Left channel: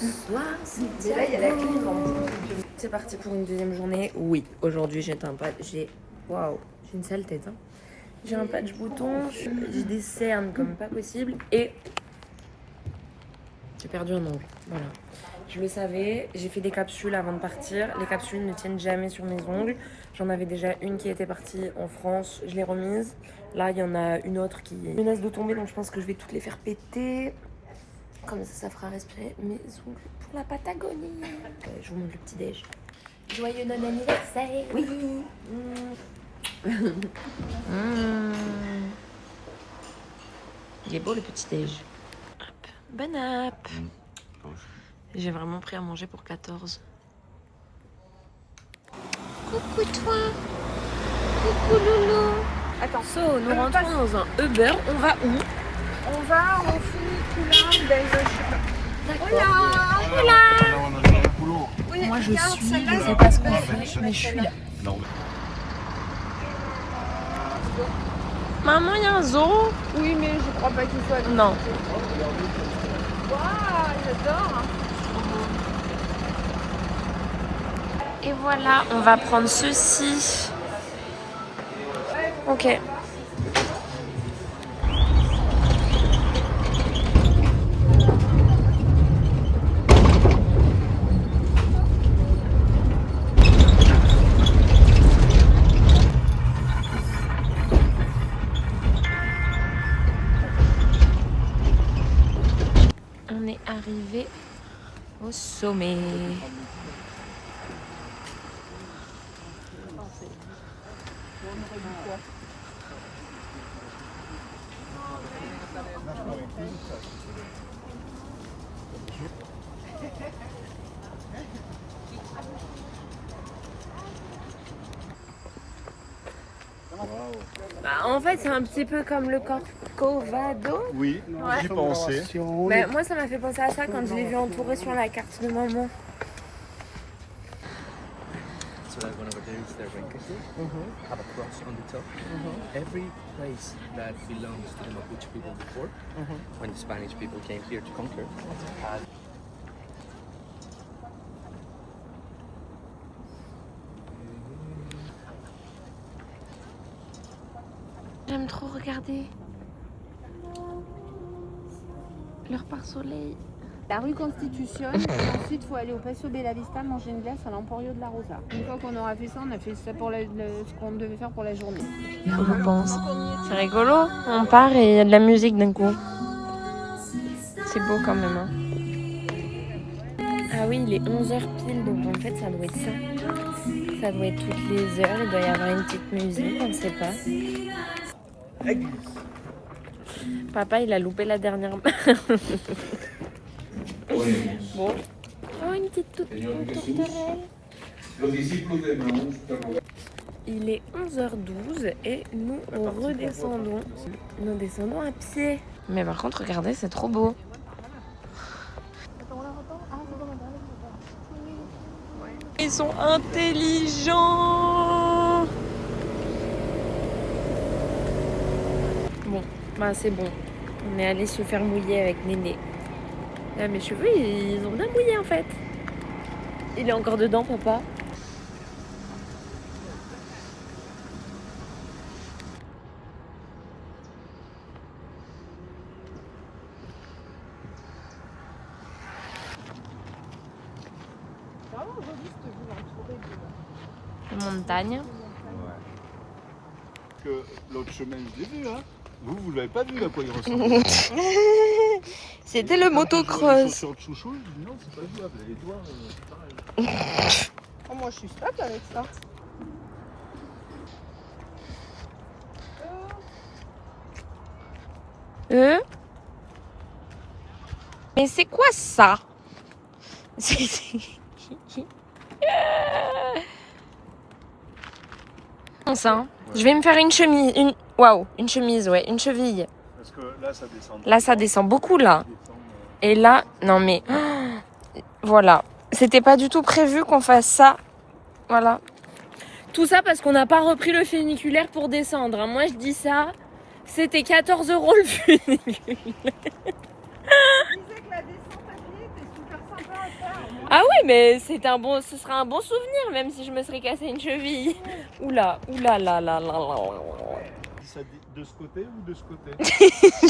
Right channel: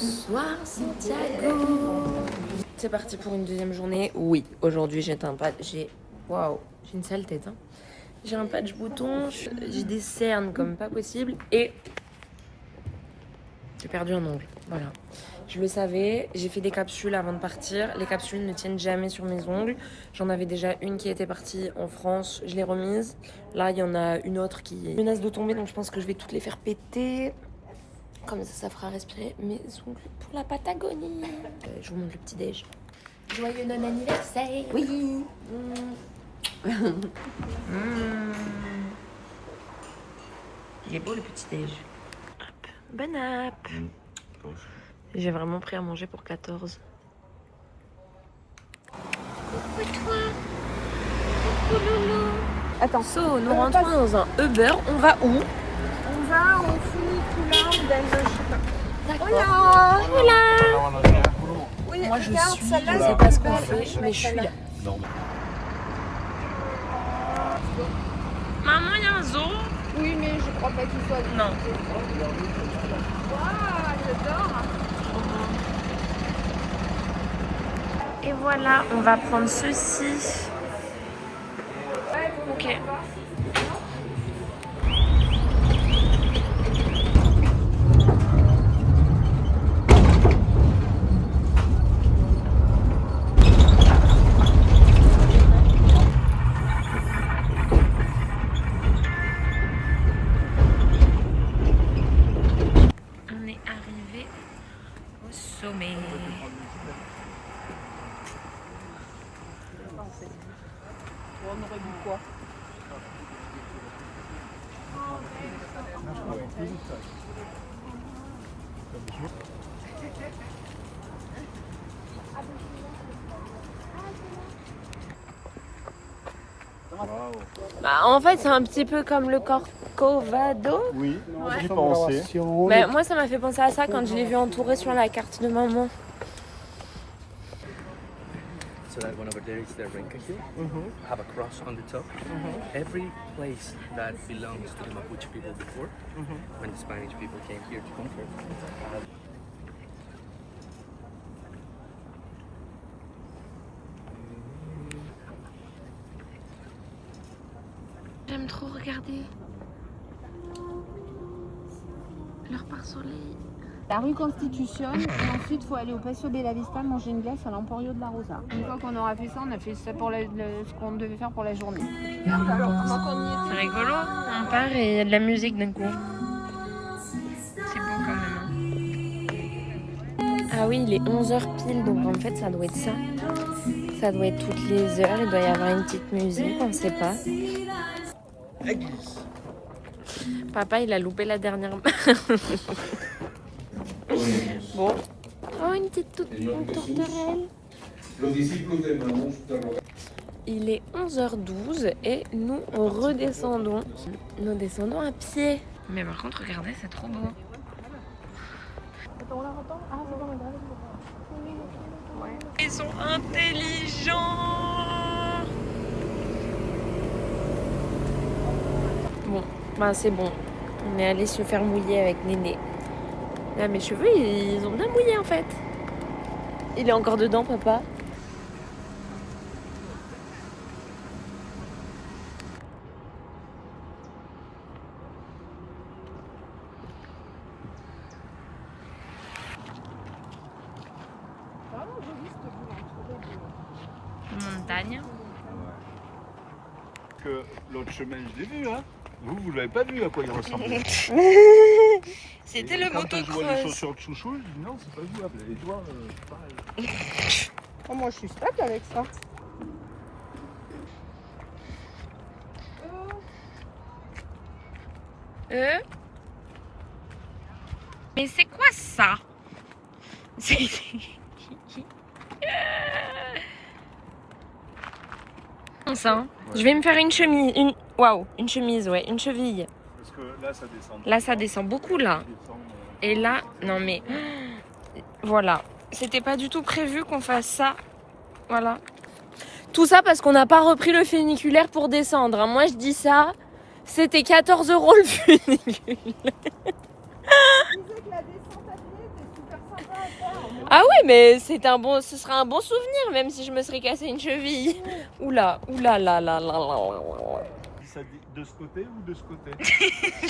Bonsoir Santiago. C'est parti pour une deuxième journée. Oui, aujourd'hui j'ai un patch. Waouh, j'ai une sale tête. Hein. J'ai un patch bouton, j'ai des cernes comme pas possible et j'ai perdu un ongle. Voilà. Je le savais, j'ai fait des capsules avant de partir. Les capsules ne tiennent jamais sur mes ongles. J'en avais déjà une qui était partie en France, je l'ai remise. Là, il y en a une autre qui menace de tomber, donc je pense que je vais toutes les faire péter. Comme ça fera respirer mes ongles pour la Patagonie. Je vous montre le petit déj. Joyeux non-anniversaire. Oui. Il est beau le petit déj. Hop. Bon app. J'ai vraiment pris à manger pour 14. Coucou toi. Coucou Loulou. Attends, so, nous rentrons dans un Uber. On va où? On va au funiculaire d'Indochine. D'accord. Voilà. Voilà. Moi je suis, je sais pas ce qu'on fait, mais je suis là. Maman, il y a un zoo? Oui, mais je crois pas qu'il soit. Non. Et voilà, on va prendre ceci. Ok. On est arrivé au sommet. On aurait vu quoi? Bah, en fait, c'est un petit peu comme le Corcovado. Oui, j'y pensais. Mais moi, ça m'a fait penser à ça quand je l'ai vu entouré sur la carte de maman. So like one of the days they're Renkaku, have a cross on the top. Every place that belongs to the Mapuche people before, when the Spanish people came here to conquer, had J'aime trop regarder leur pare-soleil. La rue Constitution, ensuite il faut aller au Paseo de la Vista, manger une glace à l'Emporio de la Rosa. Une fois qu'on aura fait ça, on a fait ça pour ce qu'on devait faire pour la journée. C'est rigolo, on part et il y a de la musique d'un coup. C'est beau quand même. Hein. Ah oui, il est 11h pile, donc en fait ça doit être ça. Ça doit être toutes les heures, il doit y avoir une petite musique, on ne sait pas. Papa, il a loupé la dernière. Bon. Oh, une petite tourterelle. Il est 11h12 et nous redescendons. Nous descendons à pied. Mais par contre, regardez, c'est trop beau. Ils sont intelligents. Bon, bah c'est bon. On est allé se faire mouiller avec Néné. Là, mes cheveux, ils ont bien mouillé en fait. Il est encore dedans, papa. Montagne. Que l'autre chemin, je l'ai vu, hein. Vous l'avez pas vu à quoi il ressemble. C'était le Quand je vois les motocross. chaussures de chouchou, je dis non, c'est pas jouable. Les doigts, c'est pareil. Oh, moi je suis stable avec ça. Mais c'est quoi ça? Ça, hein. Ouais. Je vais me faire une chemise. Une chemise, ouais, une cheville. Parce que là, ça descend. Là, ça descend beaucoup, là. Et là, non mais... Voilà. C'était pas du tout prévu qu'on fasse ça. Voilà. Tout ça parce qu'on n'a pas repris le funiculaire pour descendre. Hein. Moi, je dis ça. C'était 14 € le funiculaire. Je disais que la descente à pied était super sympa. Ah ouais, mais ce sera un bon souvenir, même si je me serais cassé une cheville. Oula, oula, là, là, là, là, là. Ça dit de ce côté ou de ce côté? Je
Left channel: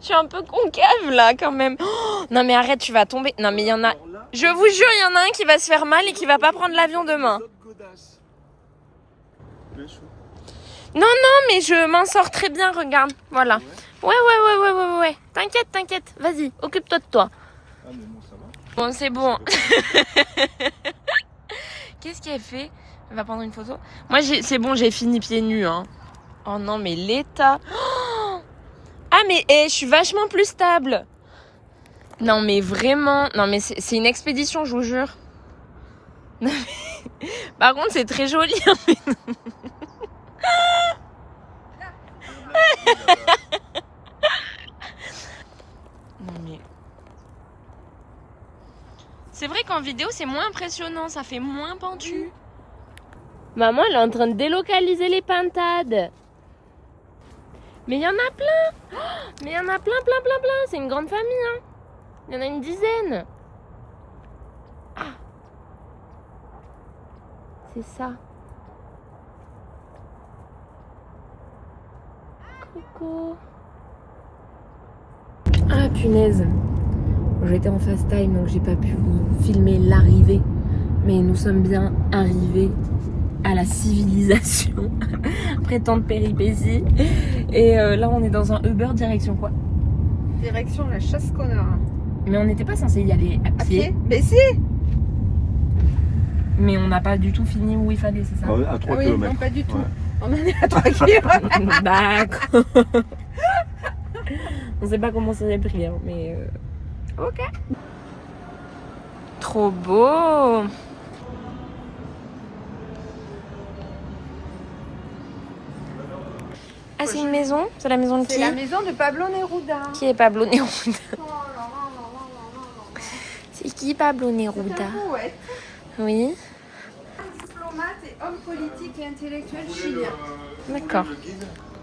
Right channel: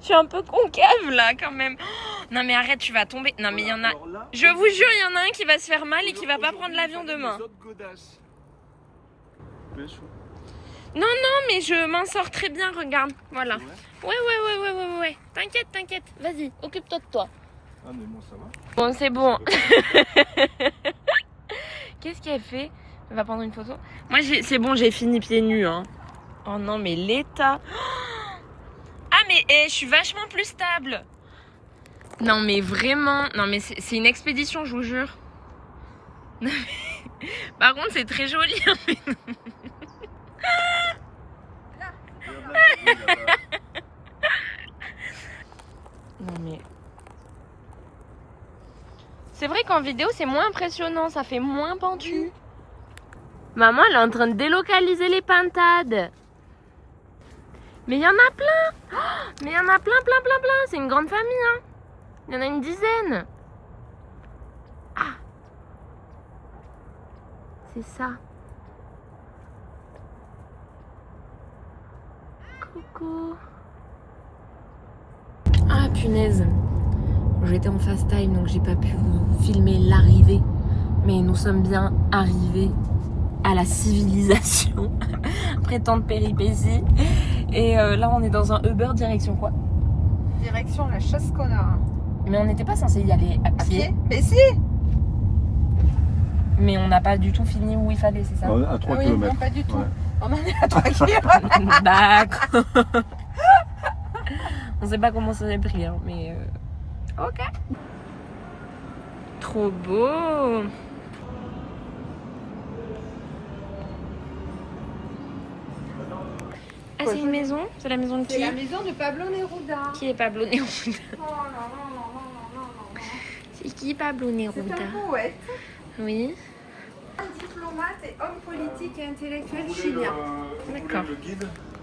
suis un peu concave là quand même. Oh, non mais arrête, tu vas tomber. Non mais il y en a. Alors là, Je vous jure, il y en a un qui va se faire mal et qui va pas prendre l'avion demain. les autres godasses. Bien sûr. Non, mais je m'en sors très bien, regarde. Voilà. Ouais. Ouais. T'inquiète. Vas-y, occupe-toi de toi. Ah mais moi ça va. Bon, c'est bon. Qu'est-ce qu'elle fait? Elle va prendre une photo. Moi, c'est bon, j'ai fini pieds nus. Hein. Oh non, mais l'état. Oh, ah, mais je suis vachement plus stable. Non, mais vraiment. Non, mais c'est une expédition, je vous jure. Par contre, c'est très joli. Non, mais. C'est vrai qu'en vidéo, c'est moins impressionnant. Ça fait moins pentu. Maman, elle est en train de délocaliser les pintades. Mais il y en a plein. Oh, mais il y en a plein. C'est une grande famille. Hein. Il y en a une dizaine. Ah. C'est ça. Coucou. Ah punaise. J'étais en fast time donc j'ai pas pu vous filmer l'arrivée. Mais nous sommes bien arrivés à la civilisation après tant de péripéties. Et là on est dans un Uber direction quoi? Direction la Chasse-Connard. Mais on n'était pas censé y aller à pied. Mais si. Mais on n'a pas du tout fini où il fallait, c'est ça? À 3 Ah oui, km. non, pas du tout. Ouais. On en est à 3 km. D'accord. On sait pas comment ça s'est pris, hein, mais ok. Trop beau. Ah, c'est une maison? C'est la maison de qui? C'est la maison de Pablo Neruda. Qui est Pablo Neruda? Oh là là. C'est qui Pablo C'est Neruda? un poète, Oui. diplomate et homme politique et intellectuel chilien. D'accord.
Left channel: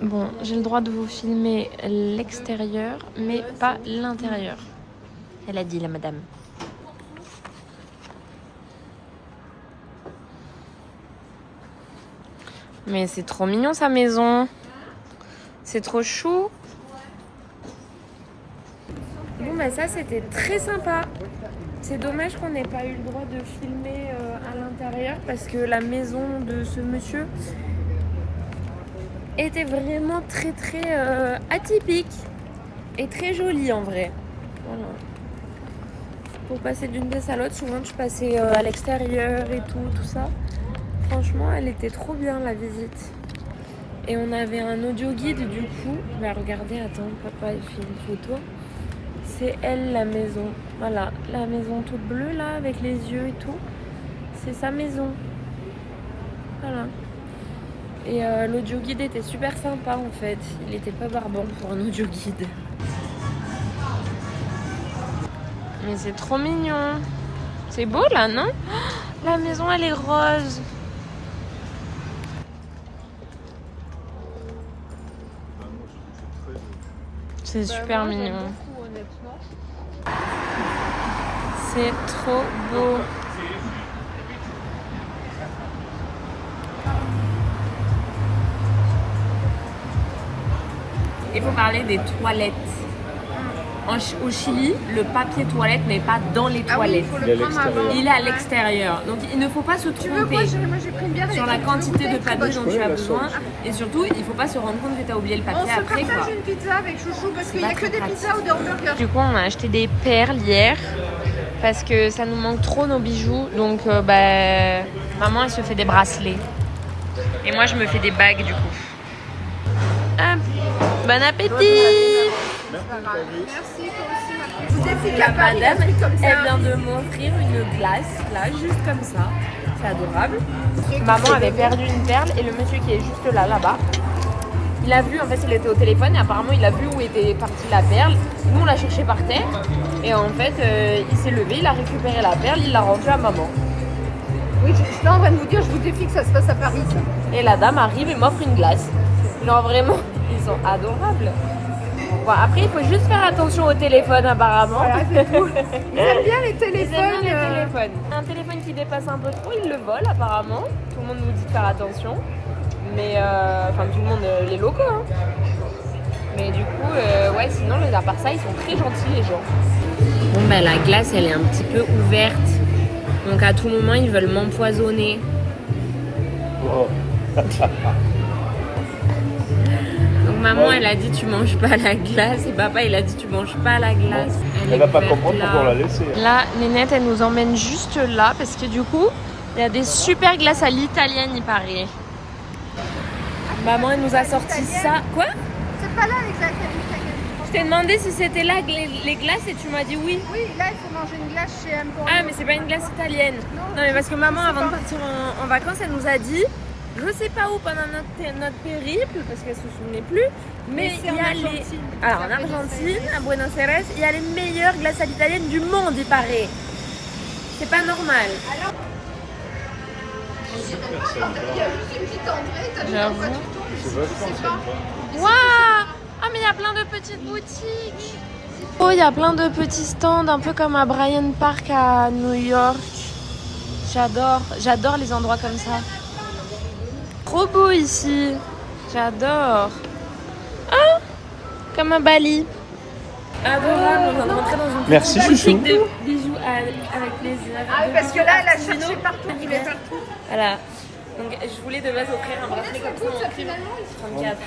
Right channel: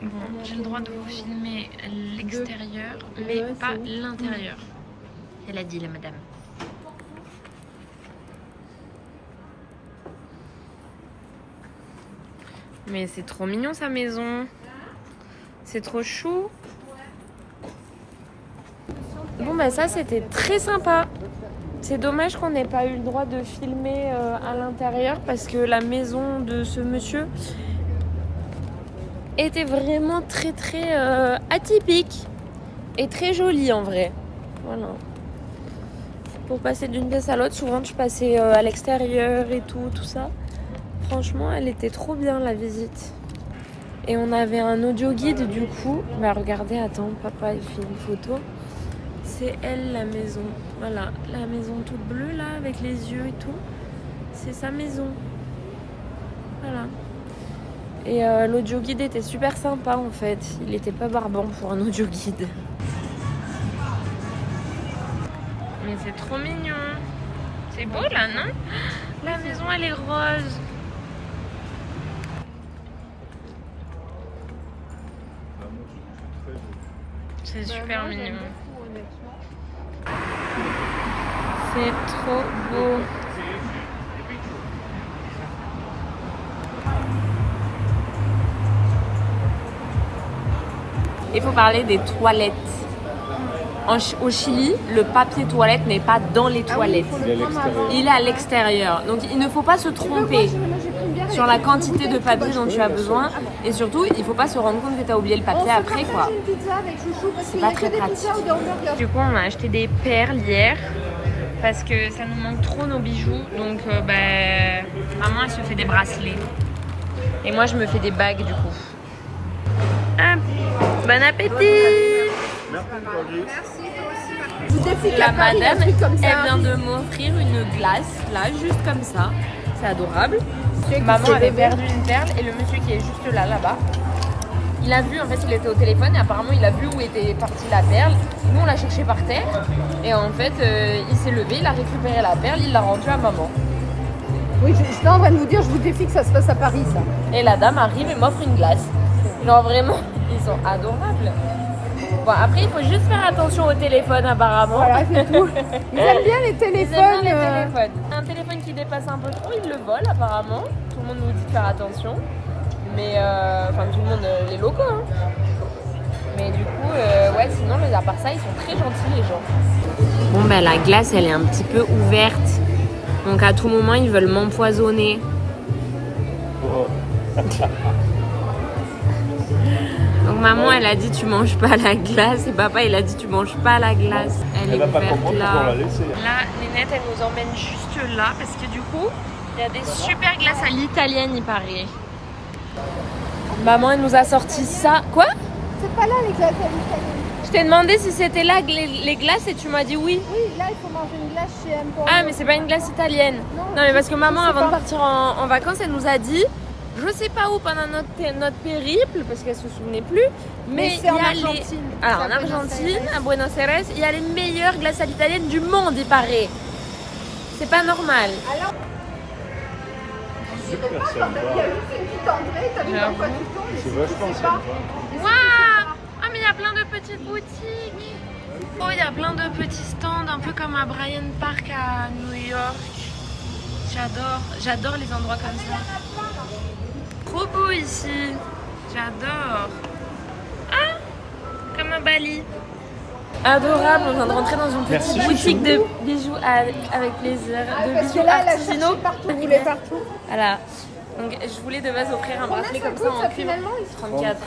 Bon, j'ai le droit de vous filmer l'extérieur, mais pas l'intérieur. Elle a dit, la madame. Mais c'est trop mignon sa maison. C'est trop chou. Bon bah ça c'était très sympa. C'est dommage qu'on n'ait pas eu le droit de filmer à l'intérieur parce que la maison de ce monsieur était vraiment très atypique et très jolie en vrai. Voilà. Pour passer d'une pièce à l'autre, souvent tu passais à l'extérieur et tout ça. Franchement, elle était trop bien la visite. Et on avait un audio guide du coup. Bah regardez, attends, papa il fait une photo. C'est elle la maison. Voilà, la maison toute bleue là avec les yeux et tout. C'est sa maison. Voilà. Et l'audio guide était super sympa en fait. Il était pas barbant pour un audio guide. Mais c'est trop mignon. C'est beau là, non? La maison elle est rose. C'est super mignon. C'est trop beau. Il faut parler des toilettes. Au Chili, le papier toilette n'est pas dans les toilettes. Il est à l'extérieur. Donc il ne faut pas se tromper sur la quantité de papier dont tu as besoin. Et surtout, il ne faut pas se rendre compte que tu as oublié le papier après, quoi. Une pizza avec chouchou parce qu'il C'est n'y pas a que très des pratique. pizzas ou des hamburgers. Du coup, on a acheté des perles hier parce que ça nous manque trop nos bijoux. Donc, maman, elle se fait des bracelets. Et moi, je me fais des bagues, du coup. Hop, bon appétit! Merci, toi aussi. La madame, elle vient de m'offrir une glace, là, juste comme ça. C'est adorable. Maman avait perdu une perle et le monsieur qui est juste là-bas, il a vu, en fait, il était au téléphone et apparemment, il a vu où était partie la perle. Nous, on l'a cherché par terre et en fait, il s'est levé, il a récupéré la perle, il l'a rendue à maman. Oui, j'étais en train de vous dire, je vous défie que ça se passe à Paris, ça. Et la dame arrive et m'offre une glace. Genre vraiment, ils sont adorables. Bon, après, il faut juste faire attention au téléphone apparemment. Voilà, c'est tout. Ils aiment bien les téléphones, les téléphone. Un téléphone qui dépasse un peu trop, il le vole apparemment. Tout le monde nous dit de faire attention. Mais enfin tout le monde, les locaux. Hein. Mais du coup, ouais, sinon à part ça, ils sont très gentils les gens. Bon ben la glace, elle est un petit peu ouverte. Donc à tout moment, ils veulent m'empoisonner. Donc maman, elle a dit tu manges pas la glace. Et papa, il a dit tu manges pas la glace. Elle est ouverte là. Là, Nénette, elle nous emmène juste là parce que du coup, il y a des super glaces à l'italienne, il paraît. Maman, elle nous a sorti ça. Quoi? C'est pas là les glaces à l'italienne. Je t'ai demandé si c'était là les glaces et tu m'as dit oui. Oui, là il faut manger une glace chez Emporio. Ah, mais c'est pas une glace italienne. Non, mais parce que maman, avant de partir en vacances, elle nous a dit, je sais pas où pendant notre périple, parce qu'elle se souvenait plus, mais il y a les. Alors en Argentine, à Buenos Aires, il y a les meilleures glaces à l'italienne du monde, il paraît. C'est pas normal. Alors, il y a juste une petite entrée, J'avoue. C'est vachement sympa. Waouh! Ah, mais il y a plein de petites boutiques. Oh, il y a plein de petits stands, un peu comme à Bryant Park à New York. J'adore les endroits comme ça. Trop beau ici. J'adore. Ah, comme à Bali. Adorable, on vient de rentrer dans une petite boutique de bijoux avec plaisir. Ah oui, parce que là, elle a cherché partout, il est partout. Voilà. Donc je voulais de base offrir un bracelet comme ça en cuivre. 34.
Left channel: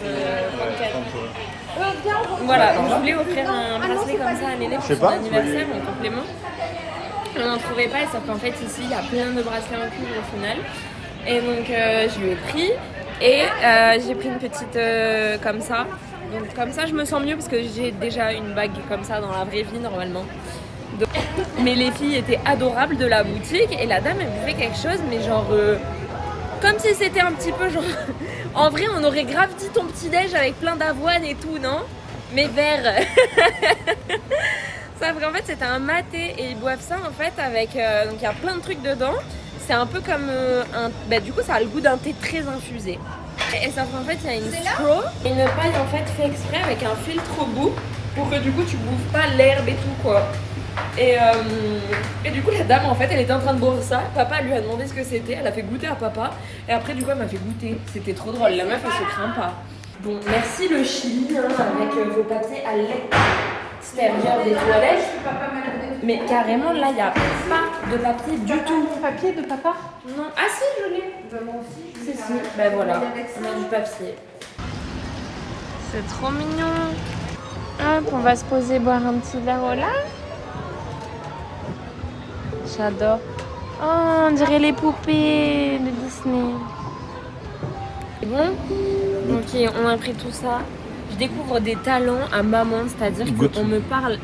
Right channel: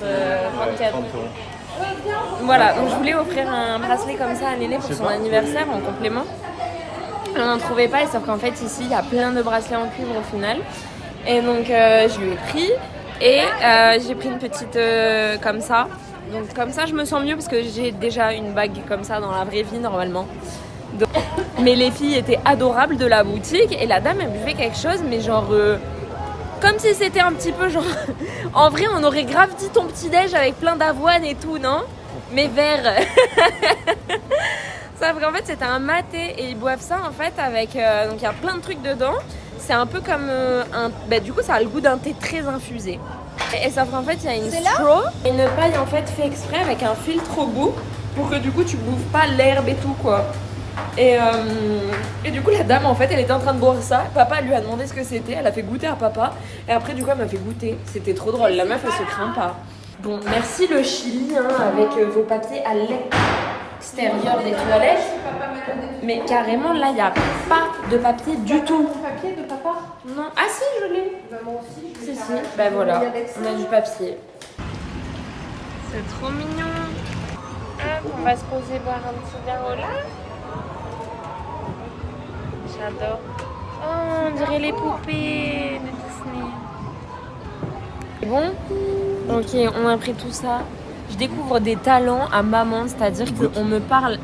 Voilà, donc je voulais offrir un bracelet comme ça à Néné pour son anniversaire en complément. On n'en trouvait pas et sauf qu'en fait ici il y a plein de bracelets en cuivre au final. Et donc je lui ai pris et j'ai pris une petite comme ça. Donc comme ça je me sens mieux parce que j'ai déjà une bague comme ça dans la vraie vie normalement. Donc... Mais les filles étaient adorables de la boutique et la dame elle buvait quelque chose mais genre... Comme si c'était un petit peu genre... En vrai, on aurait grave dit ton petit-déj avec plein d'avoine et tout, non? Mais vert. Sauf qu'en fait, c'était un maté et ils boivent ça en fait avec... donc il y a plein de trucs dedans. C'est un peu comme un... Bah, du coup, ça a le goût d'un thé très infusé. Et sauf qu'en fait, il y a une straw. Une paille en fait fait exprès avec un filtre au bout pour que du coup, tu bouffes pas l'herbe et tout quoi. Et du coup la dame en fait elle était en train de boire ça, papa lui a demandé ce que c'était, elle a fait goûter à papa et après du coup elle m'a fait goûter, c'était trop drôle, la meuf elle se craint pas. Bon merci le Chili hein, avec vos papiers à l'extérieur des toilettes, mais carrément là il n'y a pas de papier du tout. Papier de papa? Non, ah si je l'ai. Moi aussi. Si, ben voilà, on a du papier. C'est trop mignon. Hop, on va se poser boire un petit verre, voilà. J'adore. Oh, on dirait les poupées de Disney. C'est bon? Ok, on a pris tout ça. Je découvre des talents à maman, c'est-à-dire qu'on me parle.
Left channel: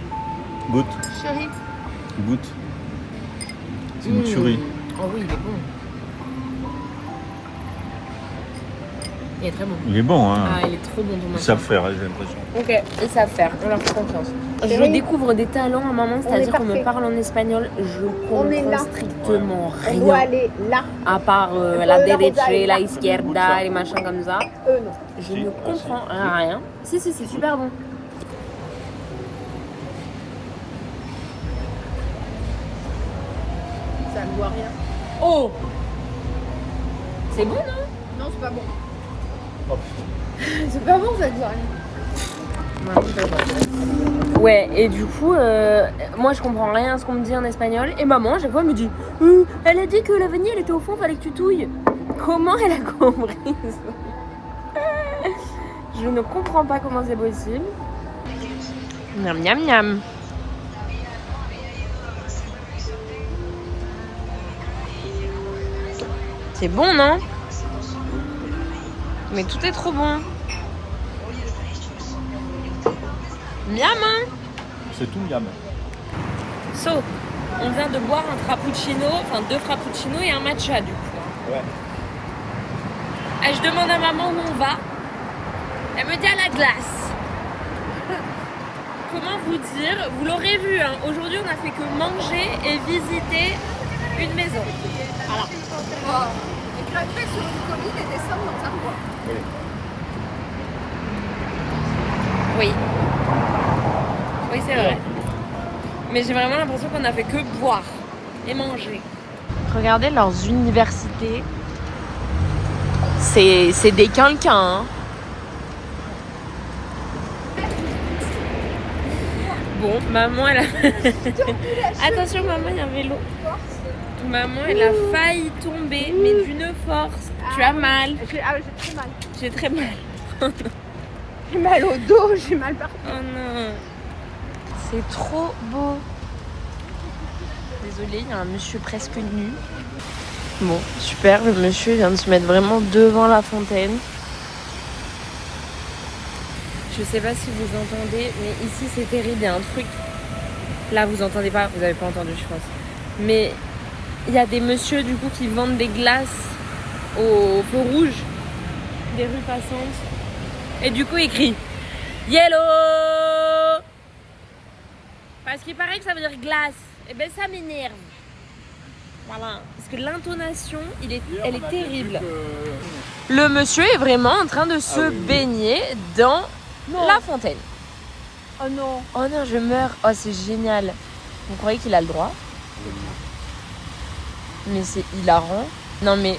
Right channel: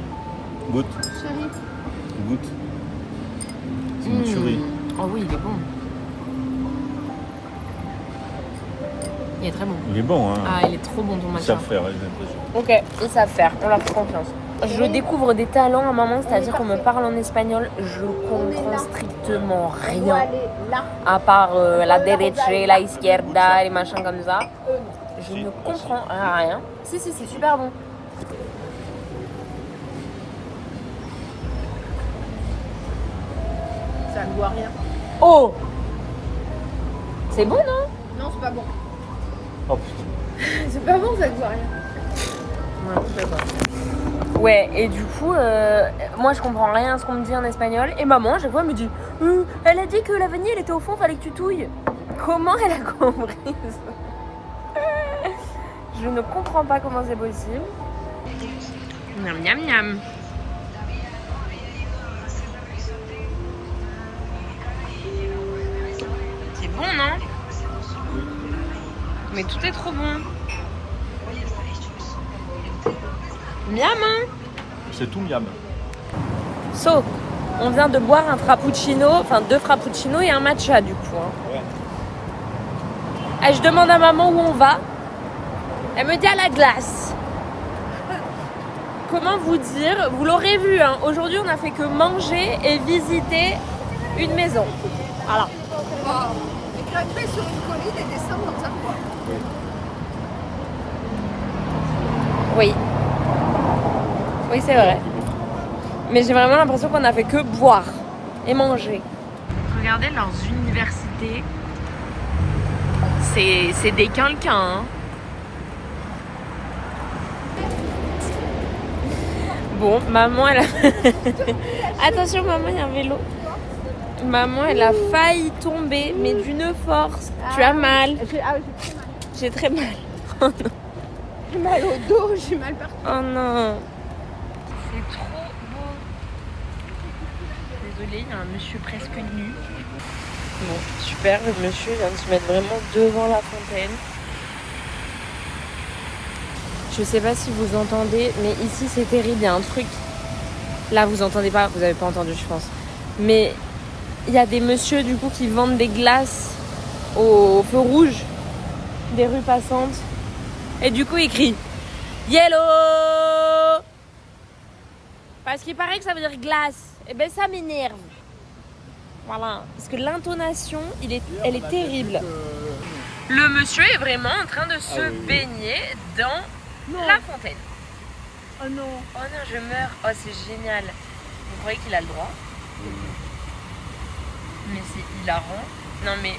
Goûte. Chérie. Goûte. C'est une tuerie. Oh oui, il est bon. Il est très bon. Il est bon, hein. Ah, il est trop bon ton Ils machin. savent faire, j'ai l'impression. Ok, ils savent faire, on leur fait confiance. Je découvre des talents à maman, c'est-à-dire qu'on me parle en espagnol, je comprends strictement On rien. doit aller là. À part la derecha, la izquierda, les machins comme ça. Non. Je ne comprends rien. Si, c'est super bon. Ça ne voit rien. Oh! C'est bon, non? Non, c'est pas bon. Oh putain. C'est pas bon, ça ne voit rien. Ouais, et du coup, moi je comprends rien à ce qu'on me dit en espagnol. Et maman, à chaque fois, elle me dit elle a dit que la vanille elle était au fond, fallait que tu touilles. Comment elle a compris ça? Je ne comprends pas comment c'est possible. Miam miam miam. C'est bon, non? Mais tout est trop bon. Miam, hein? C'est tout miam. So, on vient de boire un frappuccino, enfin 2 frappuccinos et un matcha du coup. Hein. Ouais. Et je demande à maman où on va. Elle me dit à la glace. Comment vous dire? Vous l'aurez vu, hein, aujourd'hui on a fait que manger et visiter une maison. Voilà. Wow. Et grimper sur une colline et descendre dans un bois. Oui. Oui, c'est vrai. Mais j'ai vraiment l'impression qu'on a fait que boire. et manger. Regardez leurs universités. C'est des quinquins. Hein. Bon, maman, elle a... Attention, maman, il y a un vélo. Maman, elle a failli tomber, mais d'une force. Tu as mal. J'ai très mal. J'ai très mal. Oh non. J'ai mal au dos, j'ai mal partout. Oh non. C'est trop beau. Désolée, il y a un monsieur presque nu. Bon, super, le monsieur vient de se mettre vraiment devant la fontaine. Je sais pas si vous entendez, mais ici c'est terrible, il y a un truc. Là vous entendez pas, vous avez pas entendu je pense. Mais il y a des messieurs du coup qui vendent des glaces au feu rouge des rues passantes. Et du coup ils crient Yellow. Parce qu'il paraît que ça veut dire glace. Et ben ça m'énerve. Voilà, parce que l'intonation, elle est terrible. Le monsieur est vraiment en train de se baigner dans la fontaine. Oh non. Oh non, je meurs. Oh, c'est génial. Vous croyez qu'il a le droit? Mais c'est hilarant. Non mais...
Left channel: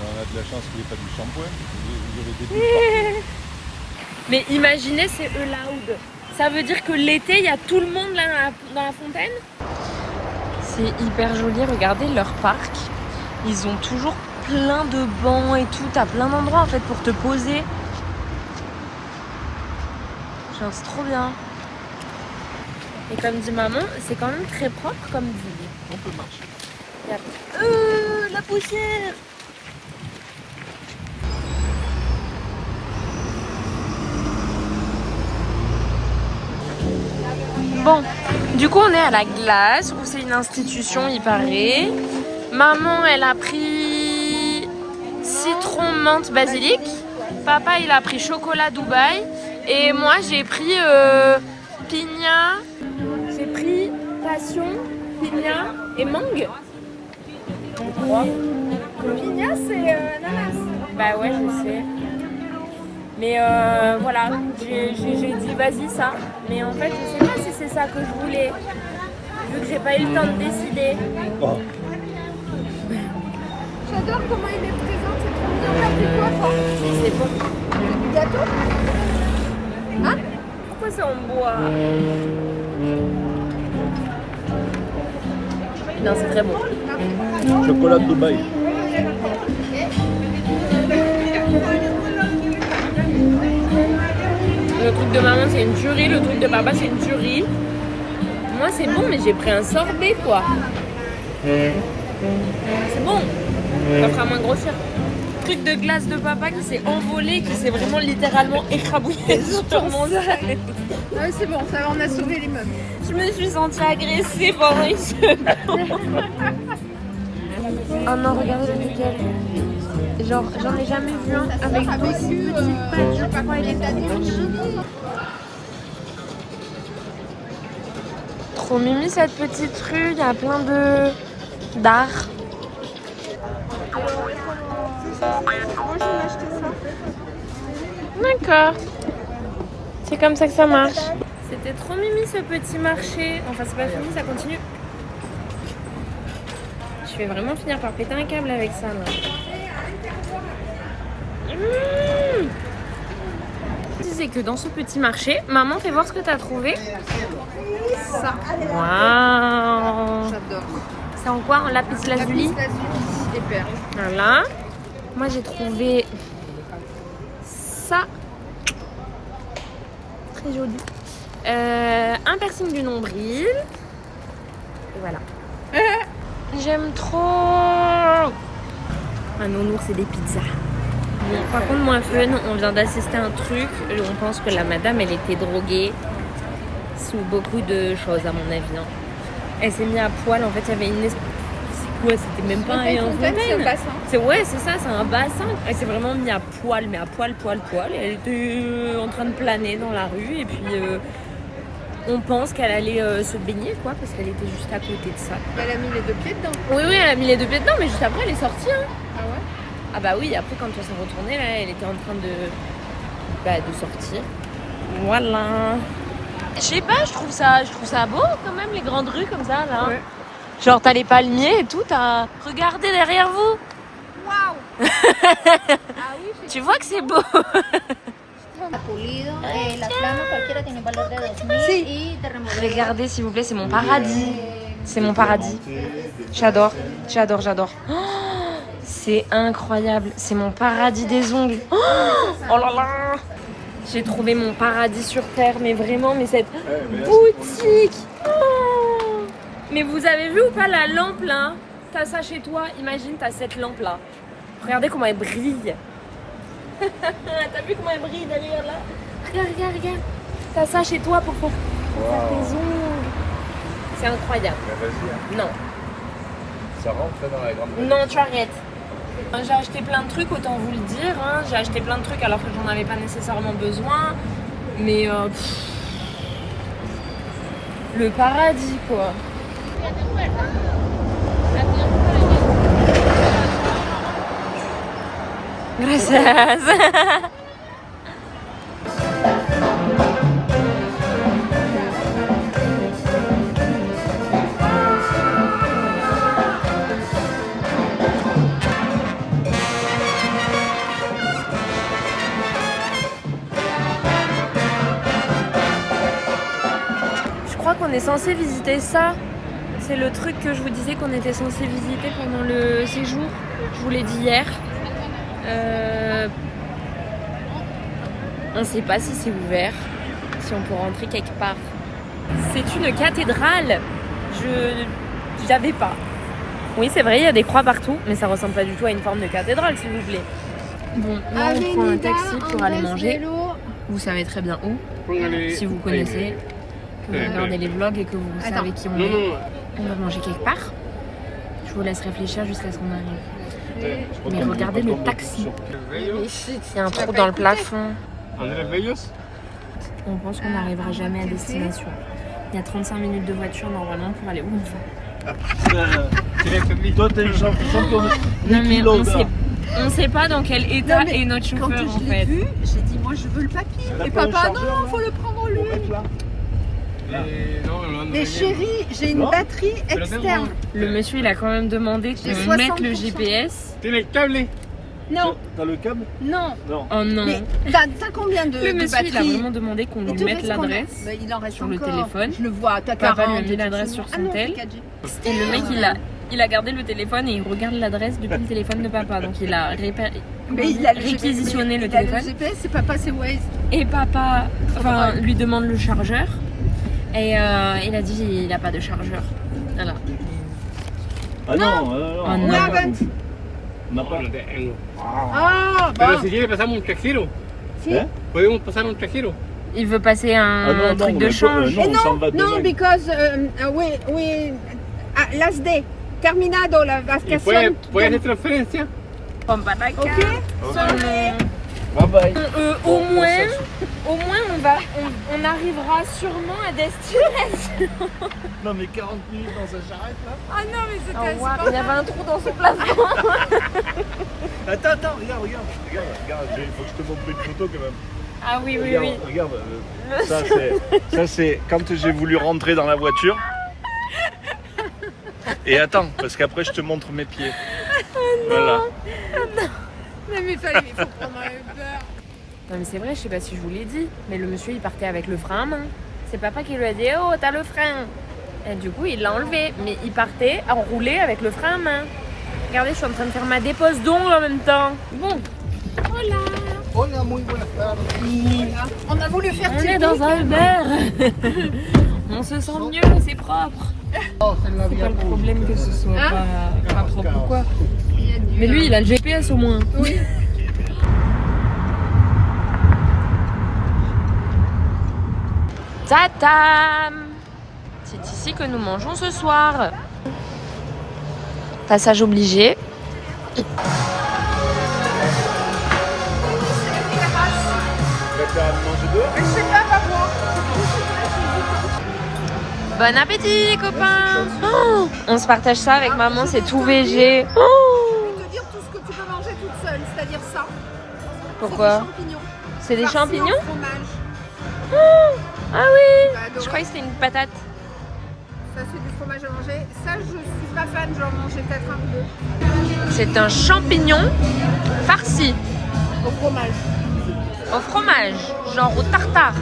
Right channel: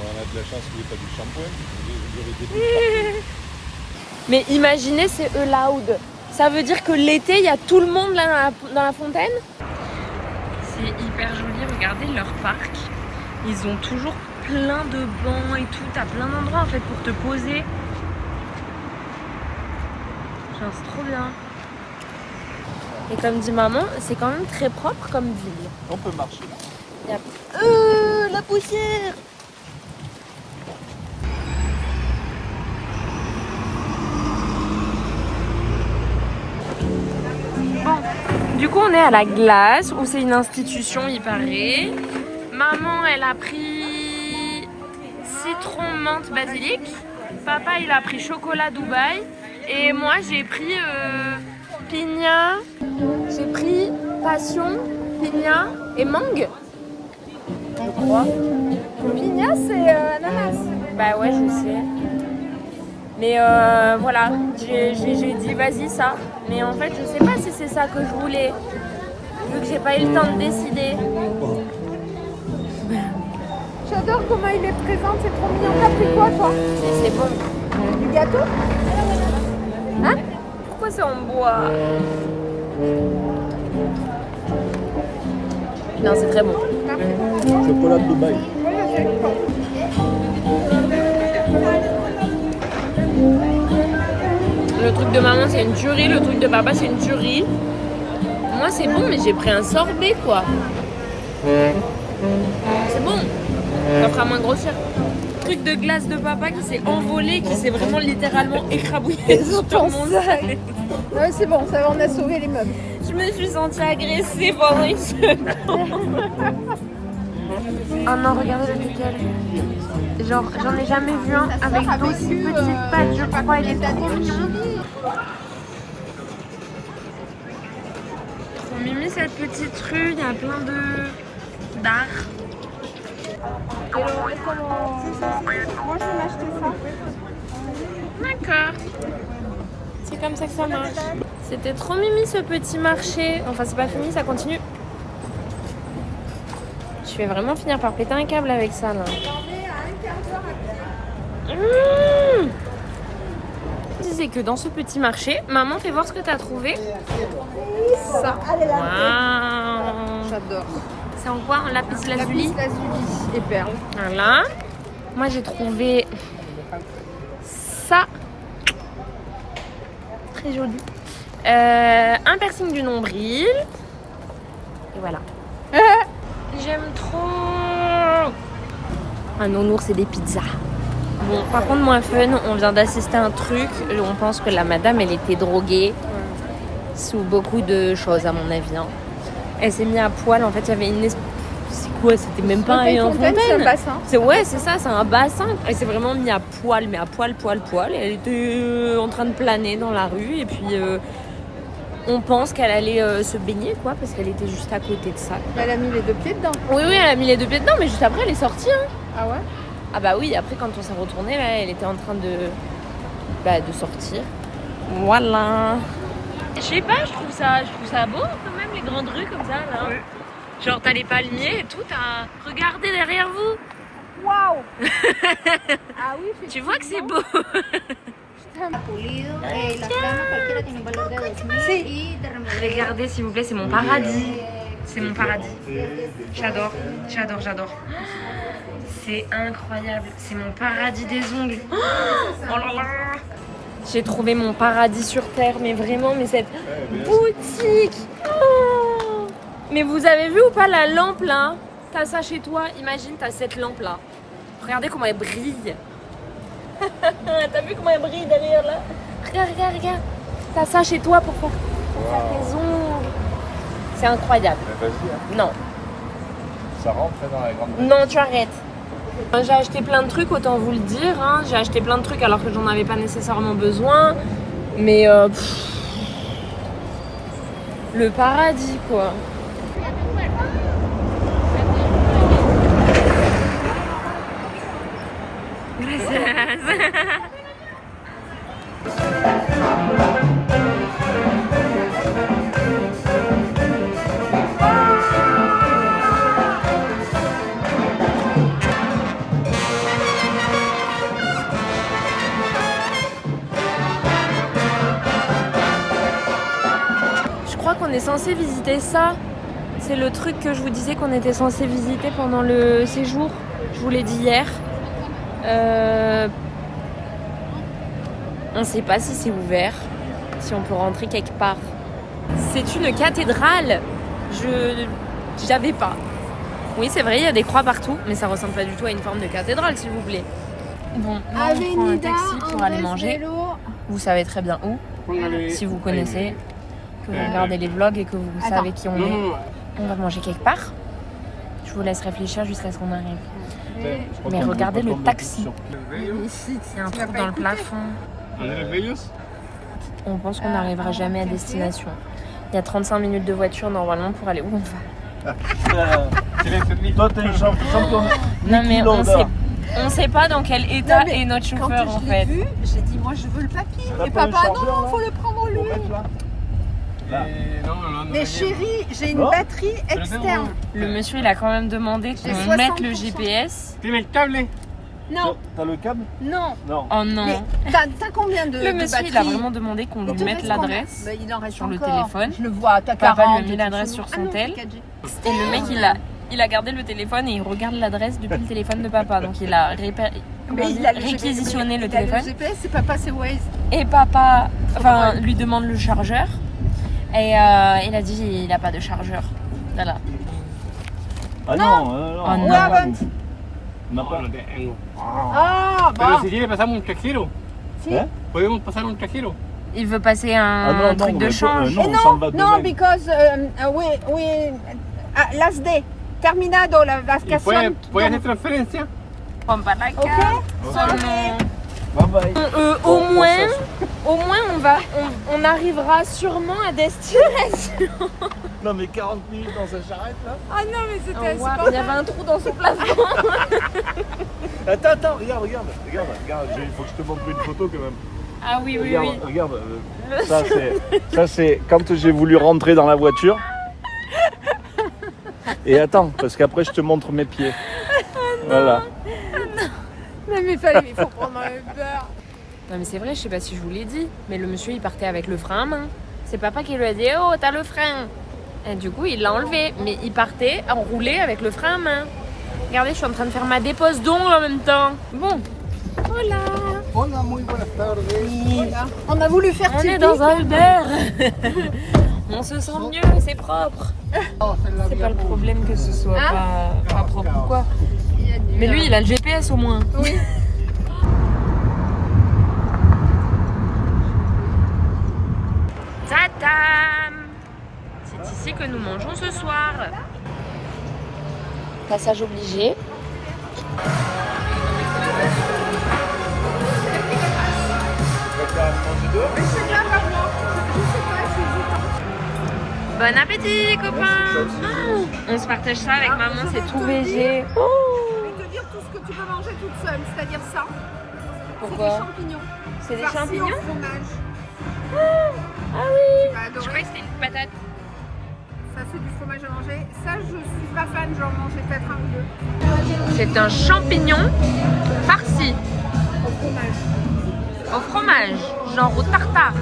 On a de la chance qu'il n'y ait pas du shampoing. Mais imaginez, c'est allowed. Ça veut dire que l'été, il y a tout le monde là dans la fontaine. C'est hyper joli, regardez leur parc. Ils ont toujours plein de bancs et tout. T'as plein d'endroits en fait pour te poser. Genre c'est trop bien. Et comme dit maman, c'est quand même très propre comme ville. On peut marcher. Y a... la poussière. Bon, du coup on est à la glace où c'est une institution il paraît. Maman elle a pris citron menthe basilic. Papa il a pris chocolat Dubaï. Et moi j'ai pris piña. J'ai pris passion, piña et mangue. Je crois. Pigna, c'est ananas. Bah ouais je sais. Mais voilà, j'ai dit vas-y ça. Mais en fait je sais pas si c'est ça que je voulais. Vu que j'ai pas eu le temps de décider. Oh. J'adore comment il est présent, c'est trop bien. T'as pris quoi, toi? C'est bon. C'est du gâteau? Hein? Pourquoi c'est en bois? Non c'est très bon. Chocolat de Dubaï. Le truc de maman c'est une tuerie, le truc de papa c'est une tuerie. Moi c'est bon mais j'ai pris un sorbet quoi. C'est bon. Ça fera moins grossir. Truc de glace de papa qui s'est envolé, qui s'est vraiment littéralement écrabouillé sur mon sac. Ouais, c'est bon, ça, on a sauvé les meubles. Je me suis sentie agressée pendant une seconde. Oh non, regardez lequel. Genre, j'en ai jamais vu un avec d'aussi petites pattes, je crois, il est trop mignon. Trop mimi cette petite rue, il y a plein d'art. D'accord. C'est comme ça que ça marche. C'était trop mimi ce petit marché. Enfin, c'est pas fini, ça continue. Je vais vraiment finir par péter un câble avec ça là. C'est que dans ce petit marché, maman, fais voir ce que t'as trouvé. Ça. Waouh. J'adore. C'est en quoi? En lapis lazuli? Et perles. Voilà. Moi j'ai trouvé ça. Très joli. Un piercing du nombril. Et voilà. J'aime trop. Un nounours et des pizzas. Bon, par contre, moins fun, on vient d'assister à un truc. On pense que la madame, elle était droguée. Sous beaucoup de choses, à mon avis. Hein. Elle s'est mise à poil. En fait, il y avait une espèce. Ouais, c'était même pas un fontaine. C'est un bassin. Ouais, c'est ça, c'est un bassin. Elle s'est vraiment mise à poil, mais à poil. Et elle était en train de planer dans la rue. Et puis, on pense qu'elle allait se baigner, quoi, parce qu'elle était juste à côté de ça. Elle a mis les deux pieds dedans. Oui, elle a mis les deux pieds dedans, mais juste après, elle est sortie. Hein. Ah ouais? Ah bah oui, après, quand on s'est retourné, là, elle était en train de sortir. Voilà. je sais pas, je trouve ça beau quand même, les grandes rues comme ça, là. Ouais. Genre, t'as les palmiers et tout, t'as... Regardez derrière vous. Waouh. Tu vois que c'est beau. Regardez s'il vous plaît, c'est mon paradis. C'est mon paradis. J'adore, j'adore, j'adore. Oh, c'est incroyable. C'est mon paradis des ongles. Oh là là. J'ai trouvé mon paradis sur terre, mais vraiment, mais cette boutique. Oh. Mais vous avez vu ou pas la lampe là? T'as ça chez toi, imagine, t'as cette lampe là. Regardez comment elle brille. T'as vu comment elle brille derrière là? Regarde, regarde, regarde. T'as ça chez toi pour faire tes ongles. C'est incroyable. Non. Ça rentre dans la grande. Non, tu arrêtes. J'ai acheté plein de trucs, autant vous le dire. Hein. J'ai acheté plein de trucs alors que j'en avais pas nécessairement besoin. Mais le paradis quoi. Gracias. Je crois qu'on est censé visiter ça. C'est le truc que je vous disais qu'on était censé visiter pendant le séjour. Je vous l'ai dit hier. On ne sait pas si c'est ouvert, si on peut rentrer quelque part. C'est une cathédrale. J'avais pas. Oui, c'est vrai, il y a des croix partout, mais ça ressemble pas du tout à une forme de cathédrale, s'il vous plaît. Bon, là on prend un taxi pour aller manger. Vous savez très bien où, si vous connaissez, que vous regardez les vlogs et que vous savez qui on est. On va manger quelque part. Je vous laisse réfléchir jusqu'à ce qu'on arrive. Mais regardez le taxi. Il y a un trou dans le plafond. On pense qu'on n'arrivera jamais à destination. Il y a 35 minutes de voiture normalement pour aller où on va. Toi, t'es le champion. Non mais on sait pas dans quel état est notre chauffeur en fait. J'ai dit moi je veux le papier. Et papa non, faut le prendre lui. Mais chérie, j'ai une batterie externe. Le monsieur il a quand même demandé qu'on mette le GPS. Non. T'as le câble? Non. Oh non. T'as combien de Le monsieur il a batterie? vraiment demandé qu'on lui mette l'adresse Il en reste sur le encore. téléphone. Je le vois, t'as Papa 40. lui a mis l'adresse sur son tel. tel. Et le mec il a gardé le téléphone et il regarde l'adresse depuis le téléphone de papa. Donc il a réquisitionné le téléphone. Le GPS, c'est papa, c'est Waze. Et papa lui demande le chargeur. Et il a dit il a pas de chargeur. Voilà. Ah non, Oh non. On n'a pas. Ah, bon. Pero si quiere pasamos un cajero. Si. Podemos pasar un cajero. Il veut passer un truc de change. Non, because we last day terminado la ¿Y vacación. puede hacer transferencia? Pompa la Ok. carte. Sorry. Bye bye. Au moins on arrivera sûrement à destination. Non, mais 40 minutes dans sa charrette là. Ah non, mais c'était Oh, wow. Il y avait un trou dans son plafond. Attends, regarde, il faut que je te montre une photo quand même. Ah oui, oui, Regarde, oui. regarde, ça c'est quand j'ai voulu rentrer dans la voiture. Et attends, parce qu'après je te montre mes pieds. Voilà. Mais il faut prendre un Uber. Non mais c'est vrai, je sais pas si je vous l'ai dit, mais le monsieur il partait avec le frein à main. C'est papa qui lui a dit oh t'as le frein. Et du coup il l'a enlevé, mais il partait enroulé avec le frein à main. Regardez, je suis en train de faire ma dépose d'ongles en même temps. Bon, voilà. Hola, muy buenas tardes. Voilà. On a voulu faire On est typique. dans un Uber. On se sent mieux, c'est propre. C'est pas le problème que ce soit pas propre ou quoi. Mais lui il a le GPS au moins. Tatam! C'est ici que nous mangeons ce soir. Passage obligé. Bon appétit, copains! Oh, on se partage ça avec maman, c'est tout végé. Oh, Je vais te dire tout ce que tu peux manger toute seule, c'est-à-dire ça. pourquoi? C'est des champignons. C'est des Farcis champignons? au fromage. Ah oui. T'as adoré. Je croyais que c'était une patate. Ça c'est du fromage à manger. Ça je suis pas fan, j'en mangeais peut-être un ou deux. C'est un champignon farci Au fromage. au fromage, genre au tartare,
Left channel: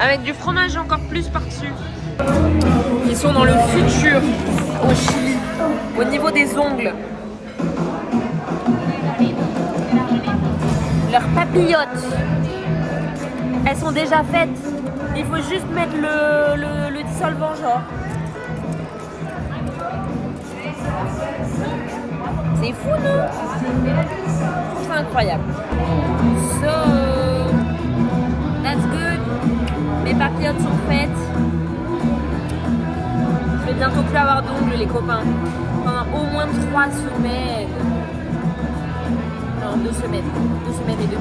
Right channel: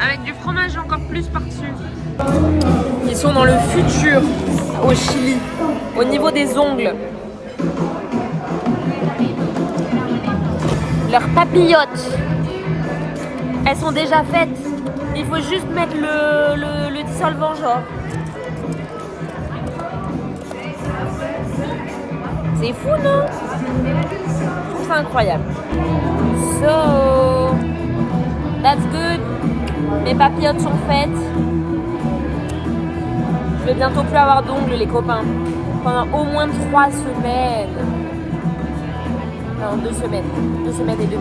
avec du fromage encore plus par-dessus. Ils sont dans le futur au Chili, au niveau des ongles. Leurs papillotes, elles sont déjà faites. Il faut juste mettre le dissolvant, genre. C'est fou, non? C'est incroyable. So, that's good. Mes papillotes sont faites. Je vais bientôt plus avoir d'ongles, les copains. Pendant au moins 3 semaines. Non, 2 semaines. 2 semaines et demie.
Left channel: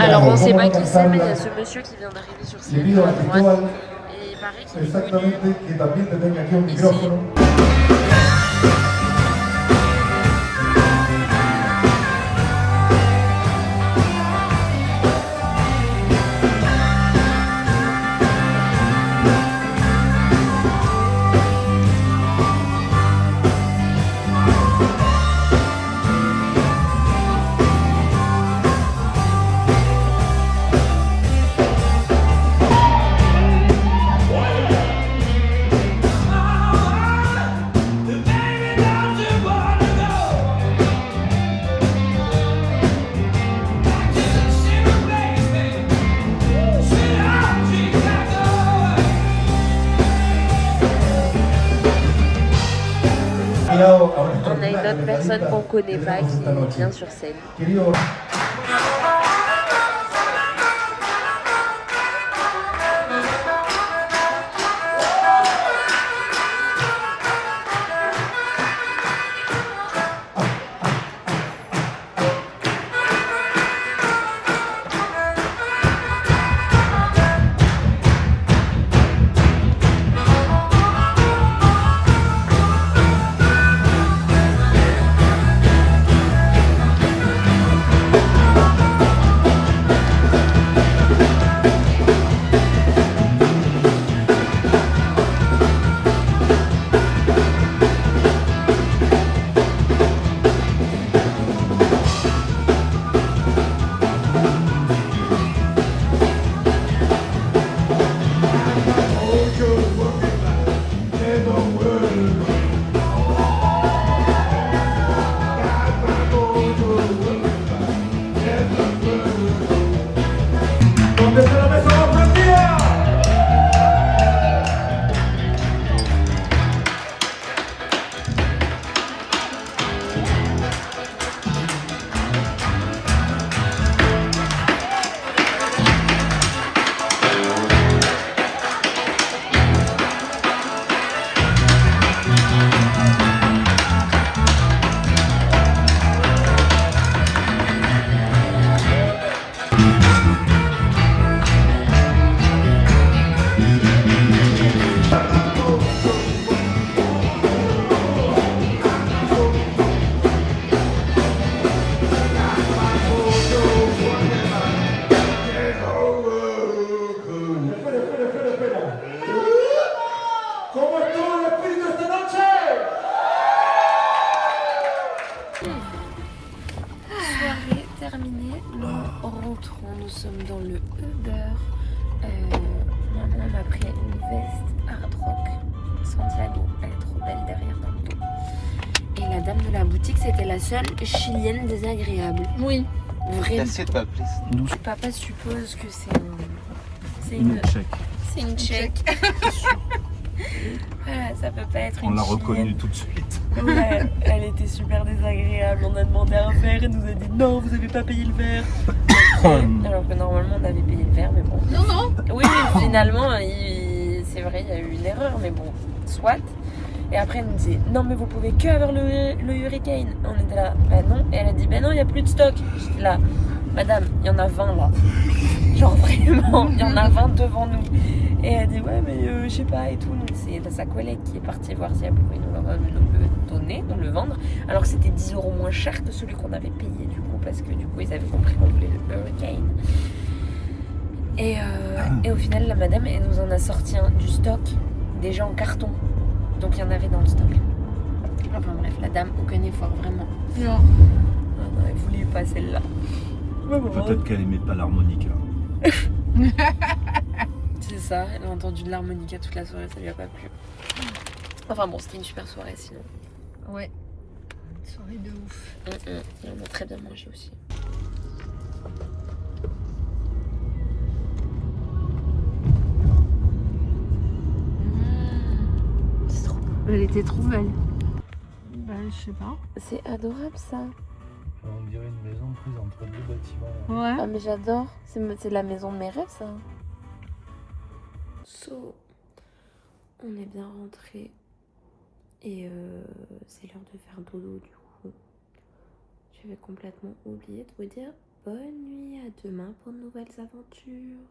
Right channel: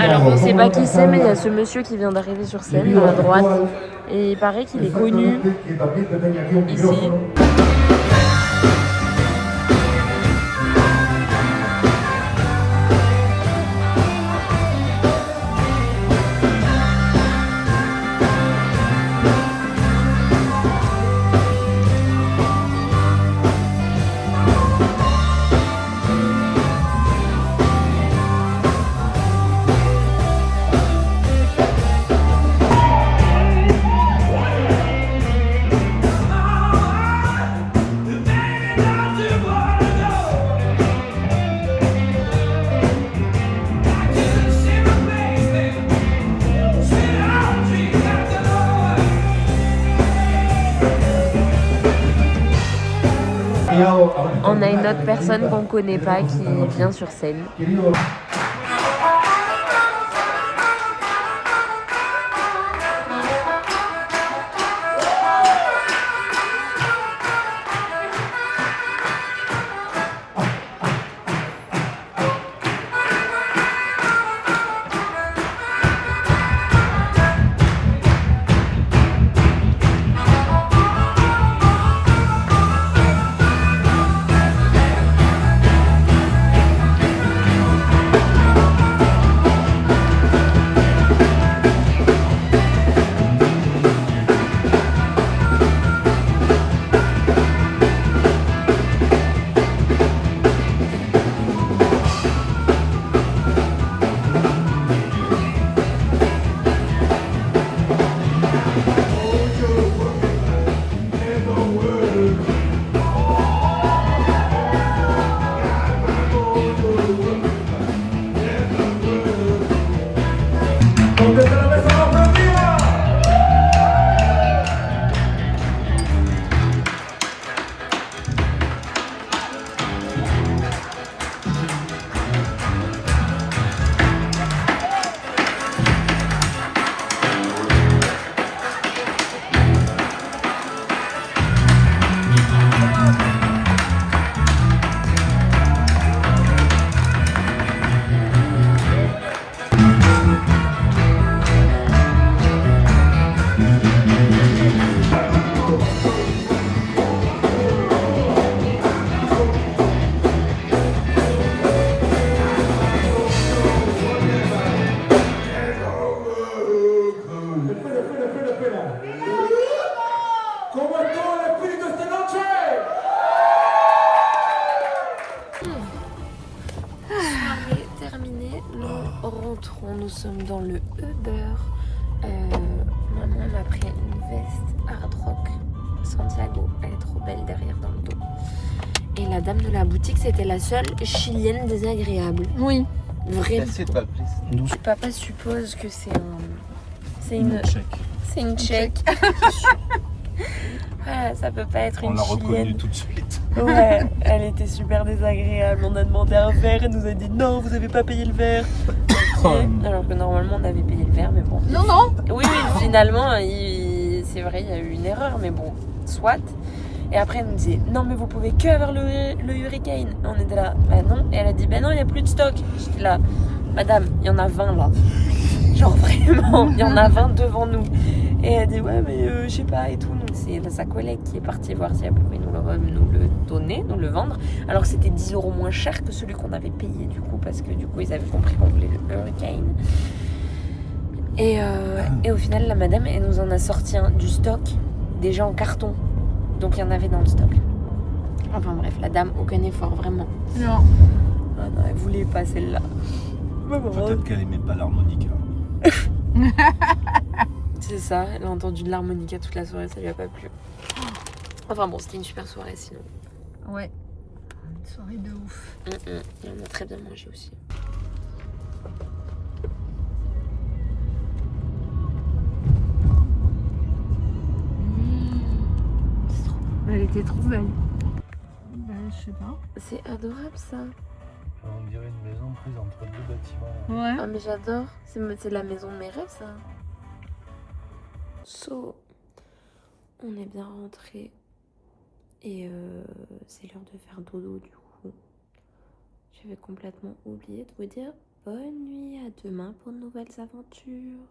Alors on sait pas qui c'est, mais il y a ce monsieur qui vient d'arriver sur scène à droite et il paraît qu'il est connu ici. On a une autre personne qu'on ne connaît pas qui vient sur scène. Soirée terminée, nous rentrons, nous sommes dans le Uber. Maman m'a pris une veste Hard Rock Santiago, elle est trop belle derrière dans le dos. Et la dame de la boutique, c'était la seule chilienne désagréable. Oui. Vraiment. pas, please. Papa suppose que c'est une tchèque. Voilà, ça peut pas être On une l'a chilienne. reconnu tout de suite. Ouais, elle était super désagréable. On a demandé un verre, elle nous a dit non, vous avez pas payé le verre. Ok. Alors que normalement on avait payé le verre, mais bon. Non, non. Oui, finalement, c'est vrai, il y a eu une erreur, mais bon, soit. Et après, elle nous disait non, mais vous pouvez que avoir le Hurricane. On était là, bah non. Et elle a dit bah non, il n'y a plus de stock. J'étais là, madame, il y en a 20 là. Genre vraiment, il y en a 20 devant nous. Et elle dit ouais, mais je sais pas et tout. Donc c'est sa collègue qui est partie voir si elle pouvait nous le donner, nous le vendre. Alors que c'était 10 € moins cher que celui qu'on avait payé du coup, parce que du coup ils avaient compris qu'on voulait le Hurricane. Et au final, la madame, elle nous en a sorti du stock, déjà en carton. Donc il y en avait dans le stock. Enfin bref, la dame, aucun effort, vraiment. Non. Ah non, elle voulait pas celle-là. Peut-être qu'elle aimait pas l'harmonica. C'est ça, elle a entendu de l'harmonica toute la soirée, ça lui a pas plu. Enfin bon, c'était une super soirée sinon. Ouais. Une soirée de ouf. Et on a très bien mangé aussi. C'est trop beau. Elle était trop belle. Bah, je sais pas. C'est adorable ça. On dirait une maison prise entre deux bâtiments. Ouais. Ah mais j'adore, c'est la maison de mes rêves ça. So, on est bien rentré et c'est l'heure de faire dodo du coup. J'avais complètement oublié de vous dire bonne nuit, à demain pour de nouvelles aventures.